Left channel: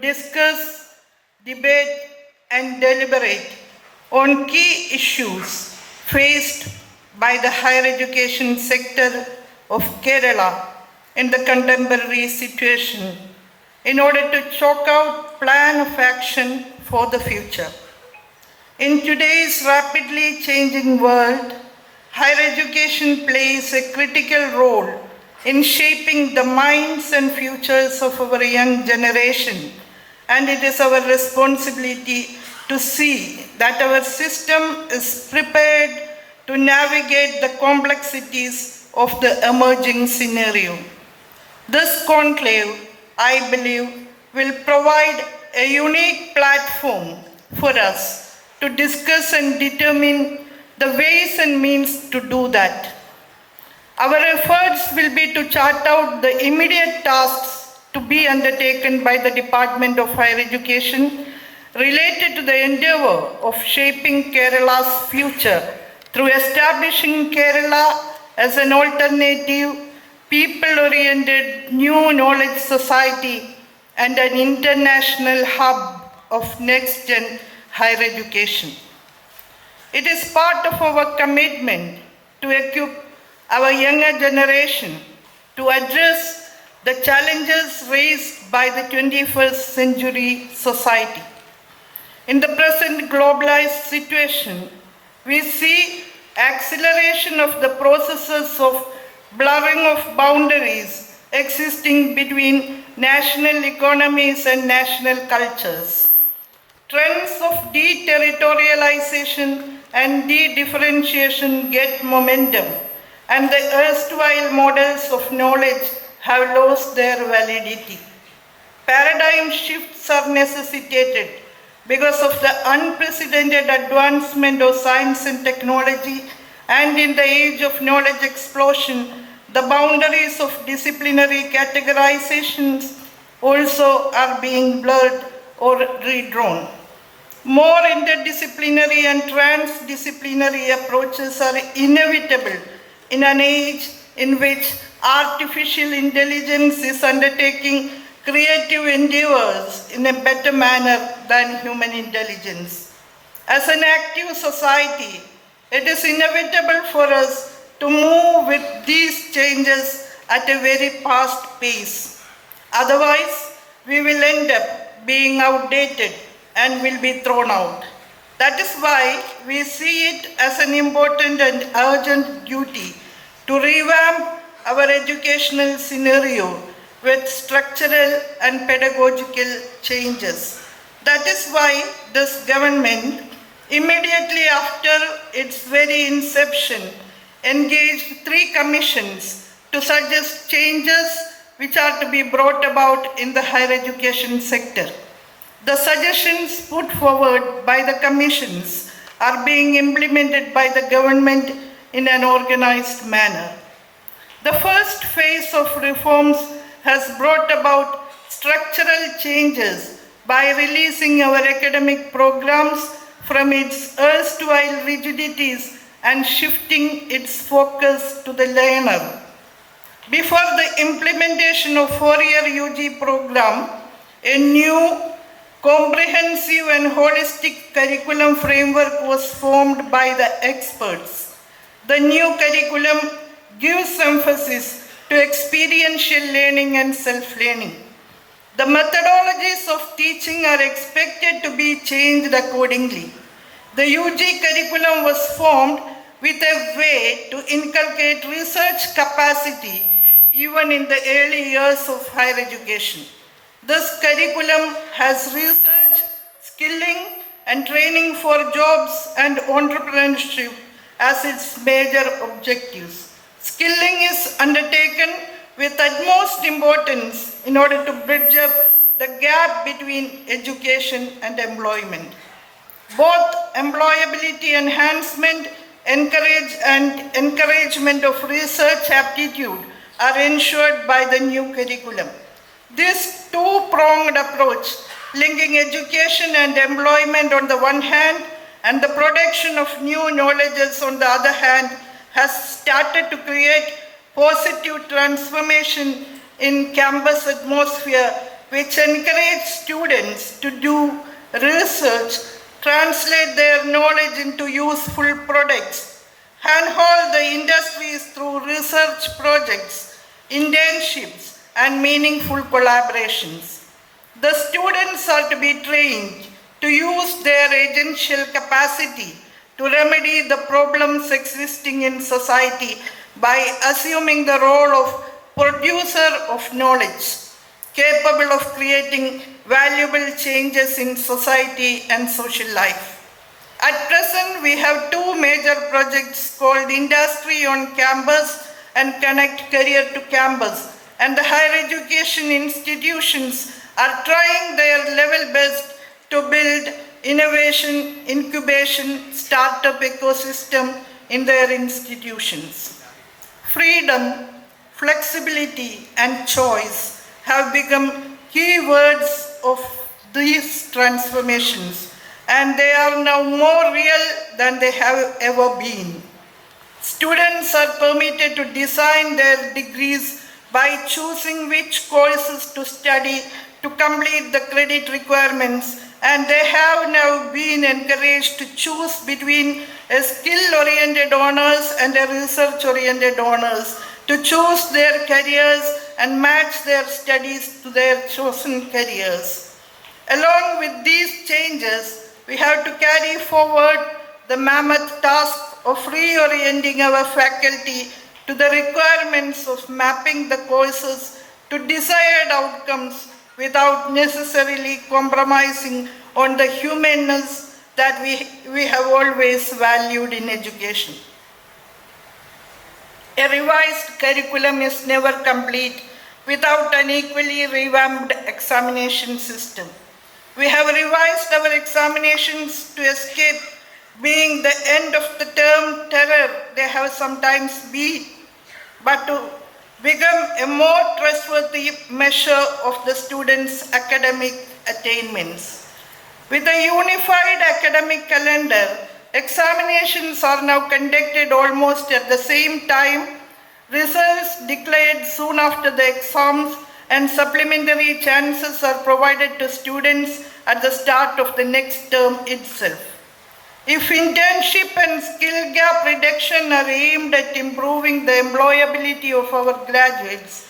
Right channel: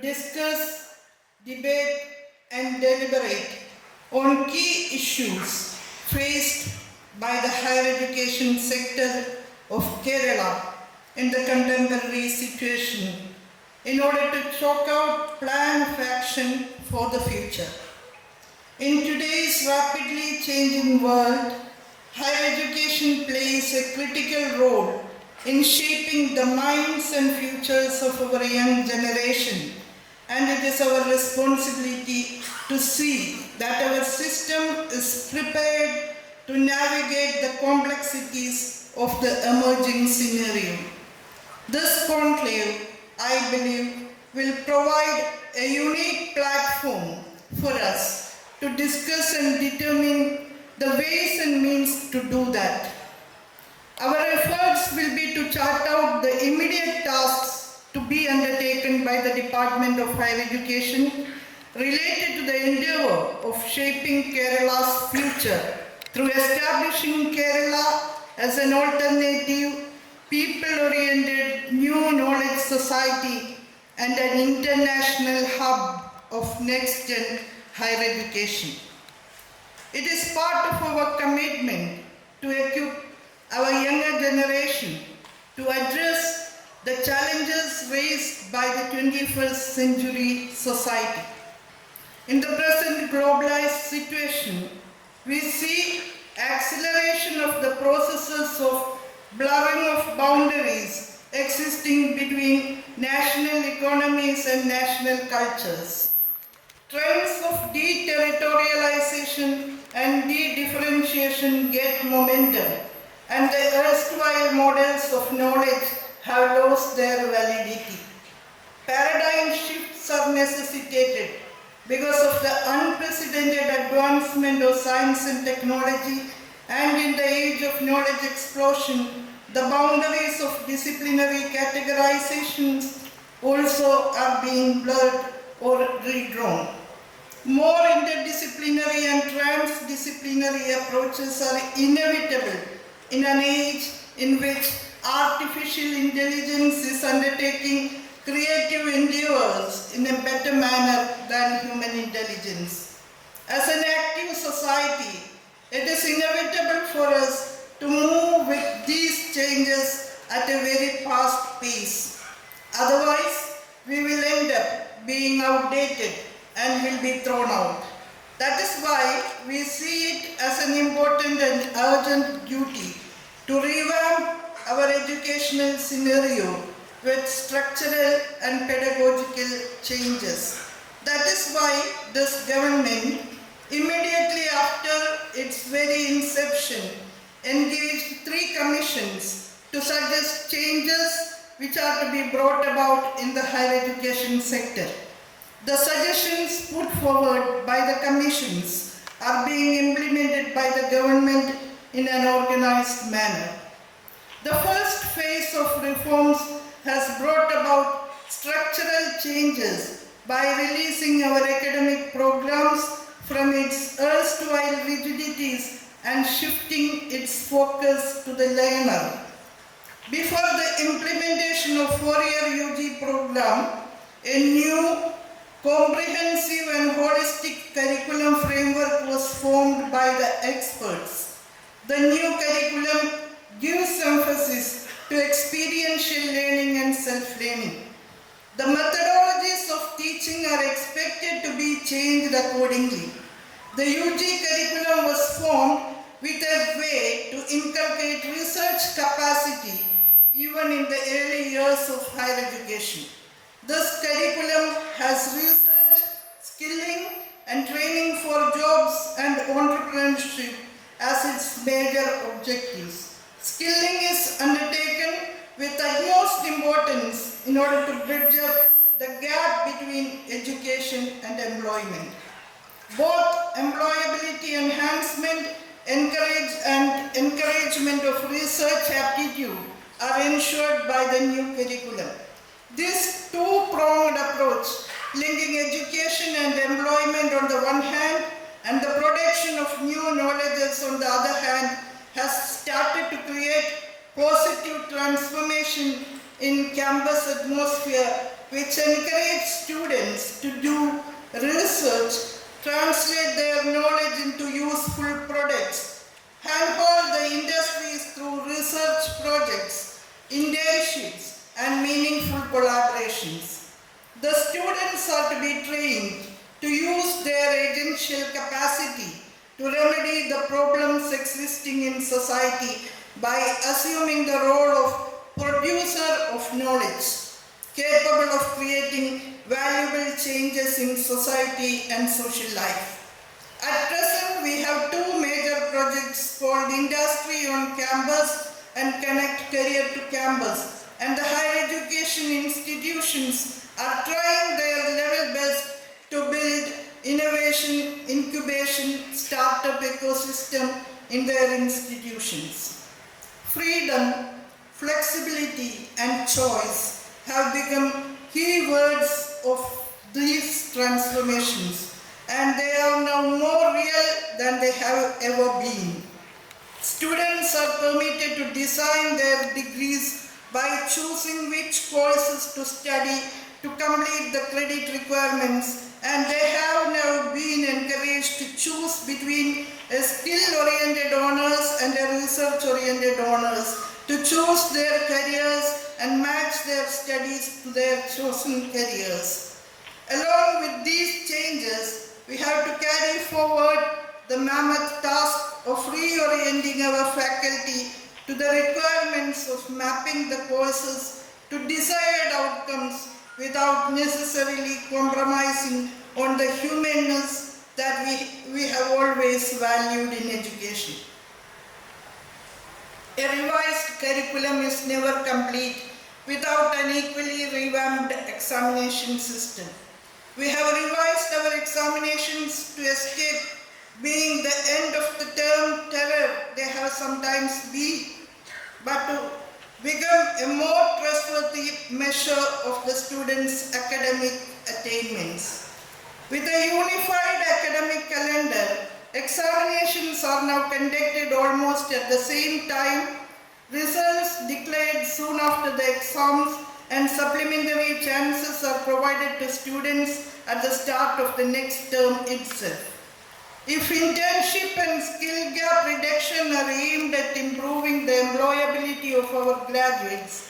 discuss, debate, and deliberate on key issues faced by the higher education sector of Kerala in the contemporary situation in order to chalk out plan of action for the future. In today's rapidly changing world, higher education plays a critical role in shaping the minds and futures of our young generation, and it is our responsibility to see that our system is prepared to navigate the complexities of the emerging scenario. This conclave, I believe, will provide a unique platform for us to discuss and determine the ways and means to do that. Our efforts will be to chart out the immediate tasks to be undertaken by the Department of Higher Education related to the endeavor of shaping Kerala's future through establishing Kerala as an alternative, people-oriented new knowledge society and an international hub of next-gen higher education. It is part of our commitment to equip our younger generation to address the challenges raised by the 21st century society. In the present globalized situation, we see acceleration of the processes of blurring of boundaries existing between national economies and national cultures. Trends of deterritorialization and de-differentiation get momentum, and the erstwhile models of knowledge have lost their validity. Paradigm shifts are necessitated because of the unprecedented advancement of science and technology, and in the age of knowledge explosion, the boundaries of disciplinary categorizations also are being blurred or redrawn. More interdisciplinary and transdisciplinary approaches are inevitable in an age in which artificial intelligence is undertaking creative endeavors in a better manner than human intelligence. As an active society, it is inevitable for us to move with these changes at a very fast pace. Otherwise, we will end up being outdated and will be thrown out. That is why we see it as an important and urgent duty to revamp our educational scenario with structural and pedagogical changes. That is why this government, immediately after its very inception, engaged 3 commissions to suggest changes which are to be brought about in the higher education sector. The suggestions put forward by the commissions are being implemented by the government in an organized manner. The first phase of reforms has brought about structural changes by releasing our academic programs from its erstwhile rigidities and shifting its focus to the learner. Before the implementation of 4-year UG program, a new comprehensive and holistic curriculum framework was formed by the experts. The new curriculum gives emphasis to experiential learning and self-learning. The methodologies of teaching are expected to be changed accordingly. The UG curriculum was formed with a way to inculcate research capacity even in the early years of higher education. This curriculum has research, skilling, and training for jobs and entrepreneurship as its major objectives. Skilling is undertaken with utmost importance in order to bridge up the gap between education and employment. Both employability enhancement and encouragement of research aptitude are ensured by the new curriculum. This two-pronged approach, linking education and employment on the one hand and the production of new knowledges on the other hand, has started to create positive transformation in campus atmosphere which encourage students to do research, translate their knowledge into useful products, handhold the industries through research projects, internships, and meaningful collaborations. The students are to be trained to use their agential capacity to remedy the problems existing in society by assuming the role of producer of knowledge, capable of creating valuable changes in society and social life. At present, we have two major projects called Industry on Campus and Connect Career to Campus, and the higher education institutions are trying their level best to build innovation, incubation, startup ecosystem in their institutions. Freedom, flexibility, and choice have become key words of these transformations, and they are now more real than they have ever been. Students are permitted to design their degrees by choosing which courses to study to complete the credit requirements, and they have now been encouraged to choose between a skill-oriented honors and a research-oriented honors to choose their careers and match their studies to their chosen careers. Along with these changes, we have to carry forward the mammoth task of reorienting our faculty to the requirements of mapping the courses to desired outcomes without necessarily compromising on the humanness that we have always valued in education. A revised curriculum is never complete without an equally revamped examination system. We have revised our examinations to escape being the end of the term terror they have sometimes been, but to become a more trustworthy measure of the students' academic attainments. With a unified academic calendar, examinations are now conducted almost at the same time, results declared soon after the exams, and supplementary chances are provided to students at the start of the next term itself. If internship and skill gap reduction are aimed at improving the employability of our graduates,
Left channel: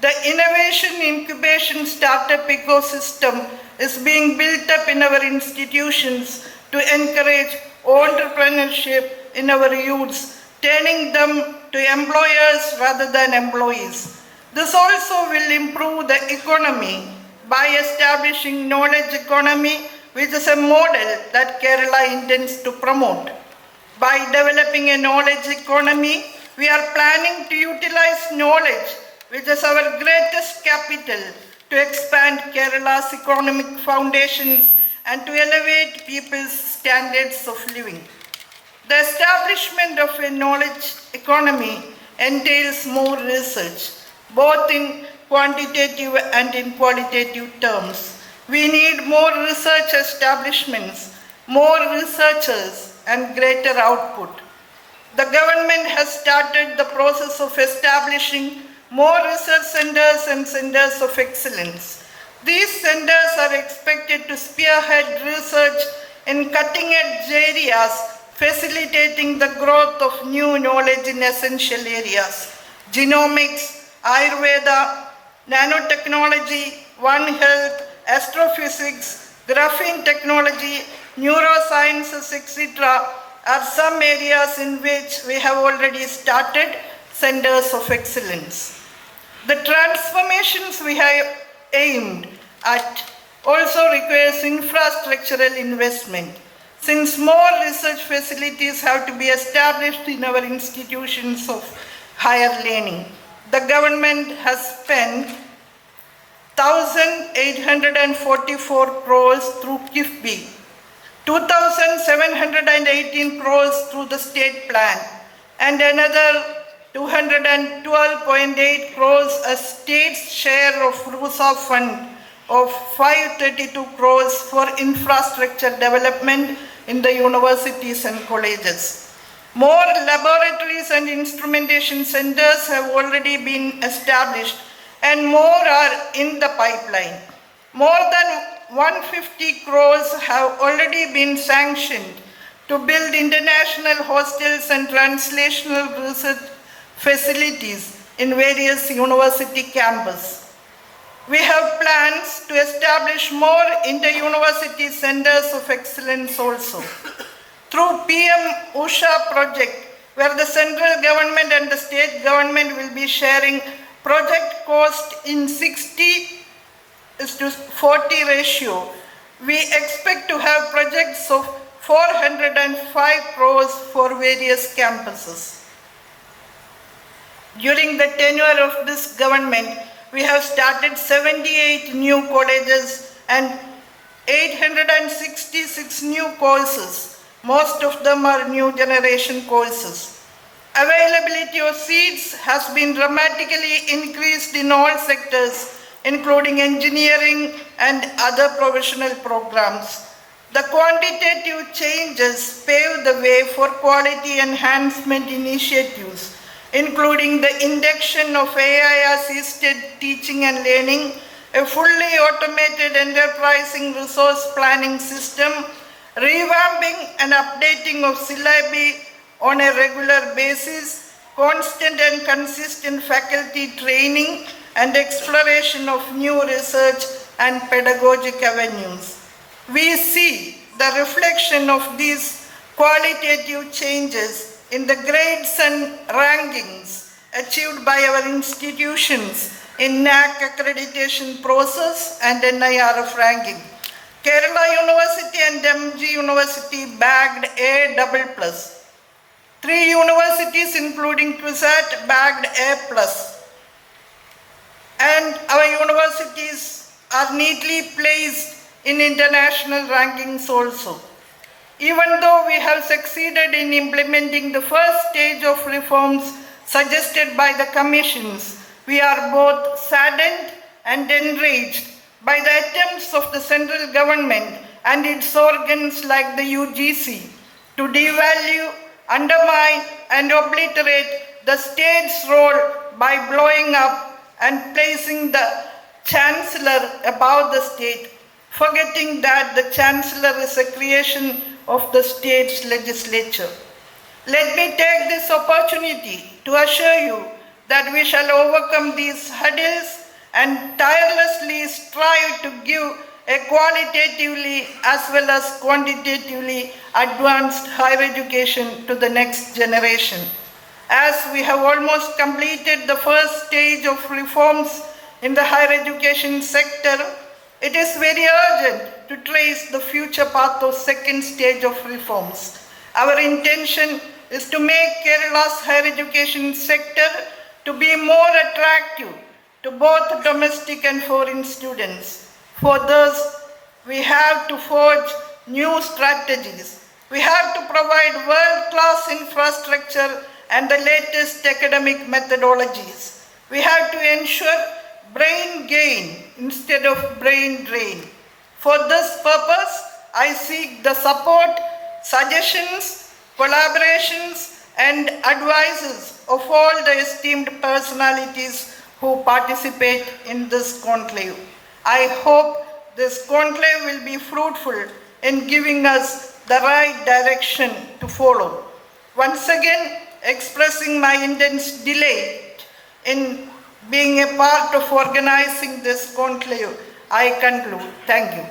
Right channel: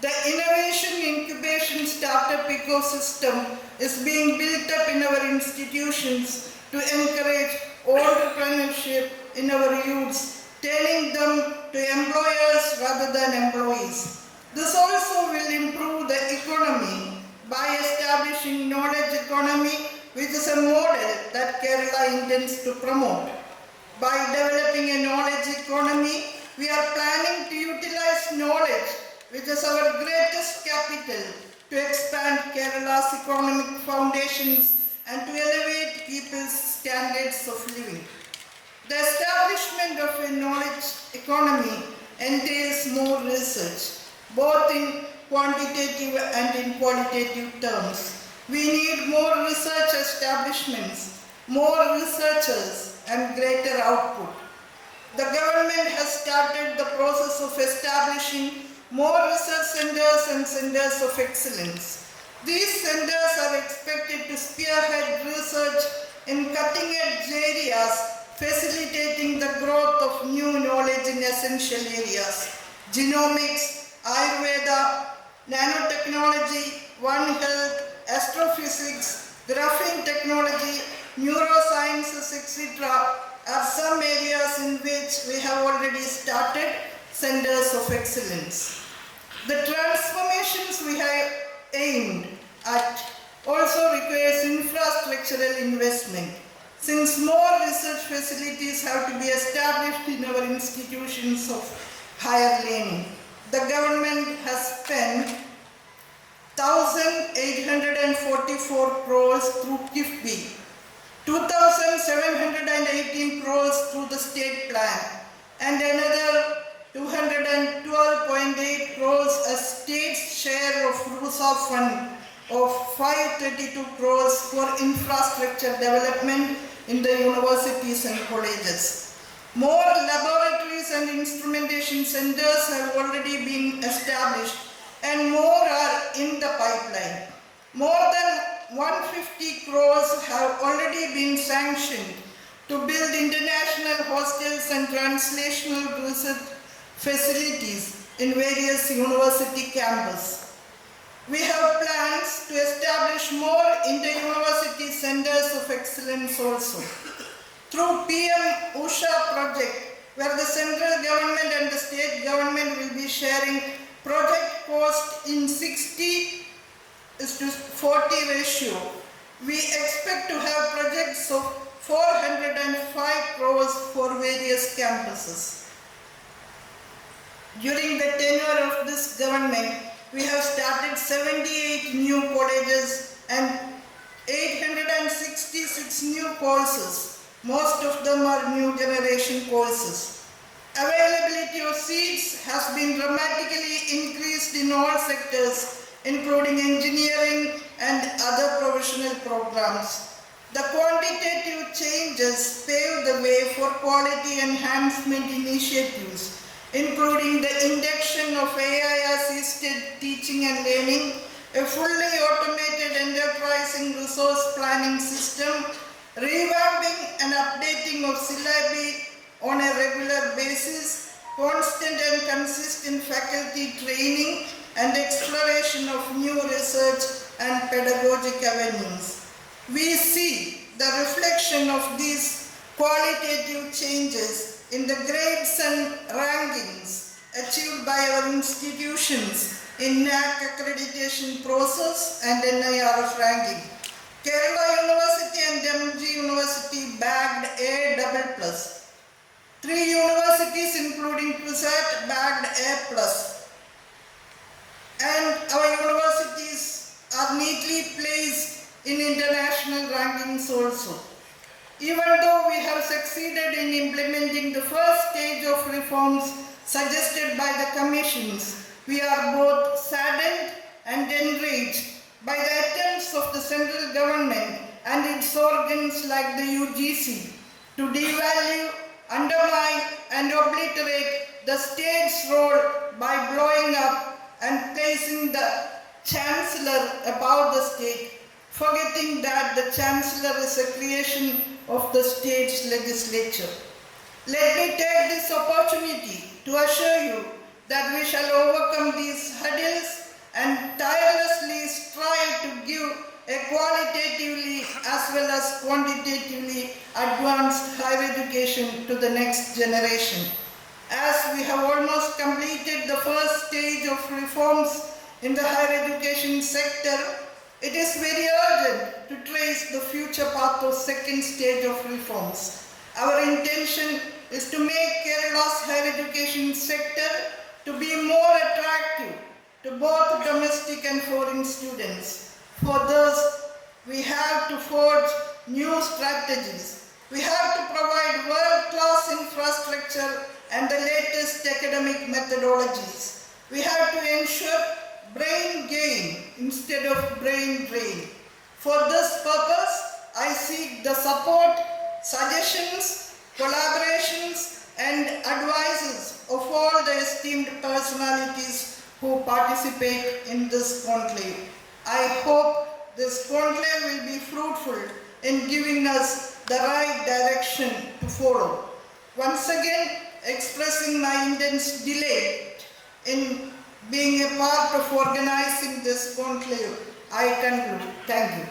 the innovation incubation startup ecosystem is being built up in our institutions to encourage entrepreneurship in our youths, turning them to employers rather than employees. This also will improve the economy by establishing knowledge economy, which is a model that Kerala intends to promote. By developing a knowledge economy, we are planning to utilize knowledge, which is our greatest capital, to expand Kerala's economic foundations and to elevate people's standards of living. The establishment of a knowledge economy entails more research, both in quantitative and in qualitative terms. We need more research establishments, more researchers, and greater output. The government has started the process of establishing more research centers and centers of excellence. These centers are expected to spearhead research in cutting-edge areas, facilitating the growth of new knowledge in essential areas: genomics, Ayurveda, nanotechnology, One Health, astrophysics, graphene technology, neurosciences, etc. are some areas in which we have already started centers of excellence. The transformations we have aimed at also requires infrastructural investment. Since more research facilities have to be established in our institutions of higher learning, the government has spent 1,844 crores through KIFBI, 2,718 crores through the state plan, and another 212.8 crores a state's share of RUSA fund of 532 crores for infrastructure development in the universities and colleges. More laboratories and instrumentation centers have already been established, and more are in the pipeline. More than 150 crores have already been sanctioned to build international hostels and translational research facilities in various university campuses. We have plans to establish more inter-university centers of excellence also. Through PM Usha project, where the central government and the state government will be sharing project cost in 60:40 ratio, we expect to have projects of 405 crores for various campuses. During the tenure of this government, we have started 78 new colleges and 866 new courses. Most of them are new generation courses. Availability of seats has been dramatically increased in all sectors, including engineering and other professional programs. The quantitative changes pave the way for quality enhancement initiatives, including the induction of AI-assisted teaching and learning, a fully automated enterprising resource planning system, revamping and updating of syllabi on a regular basis, constant and consistent faculty training, and exploration of new research and pedagogic avenues. We see the reflection of these qualitative changes in the grades and rankings achieved by our institutions in NAC accreditation process and NIRF ranking. Kerala University and MG University bagged A++. 3 universities including QUISAT bagged A+. And our universities are neatly placed in international rankings also. Even though we have succeeded in implementing the first stage of reforms suggested by the commissions, we are both saddened and enraged by the attempts of the central government and its organs like the UGC to devalue, undermine and obliterate the state's role by blowing up and placing the chancellor above the state, forgetting that the chancellor is a creation of the state's legislature. Let me take this opportunity to assure you that we shall overcome these hurdles and tirelessly strive to give a qualitatively as well as quantitatively advanced higher education to the next generation. As we have almost completed the first stage of reforms in the higher education sector, it is very urgent to trace the future path of second stage of reforms. Our intention is to make Kerala's higher education sector to be more attractive to both domestic and foreign students. For this, we have to forge new strategies. We have to provide world-class infrastructure and the latest academic methodologies. We have to ensure brain gain instead of brain drain. For this purpose, I seek the support, suggestions, collaborations, and advices of all the esteemed personalities who participate in this conclave. I hope this conclave will be fruitful in giving us the right direction to follow. Once again, expressing my intense delight in being a part of organizing this conclave, I conclude. Thank you.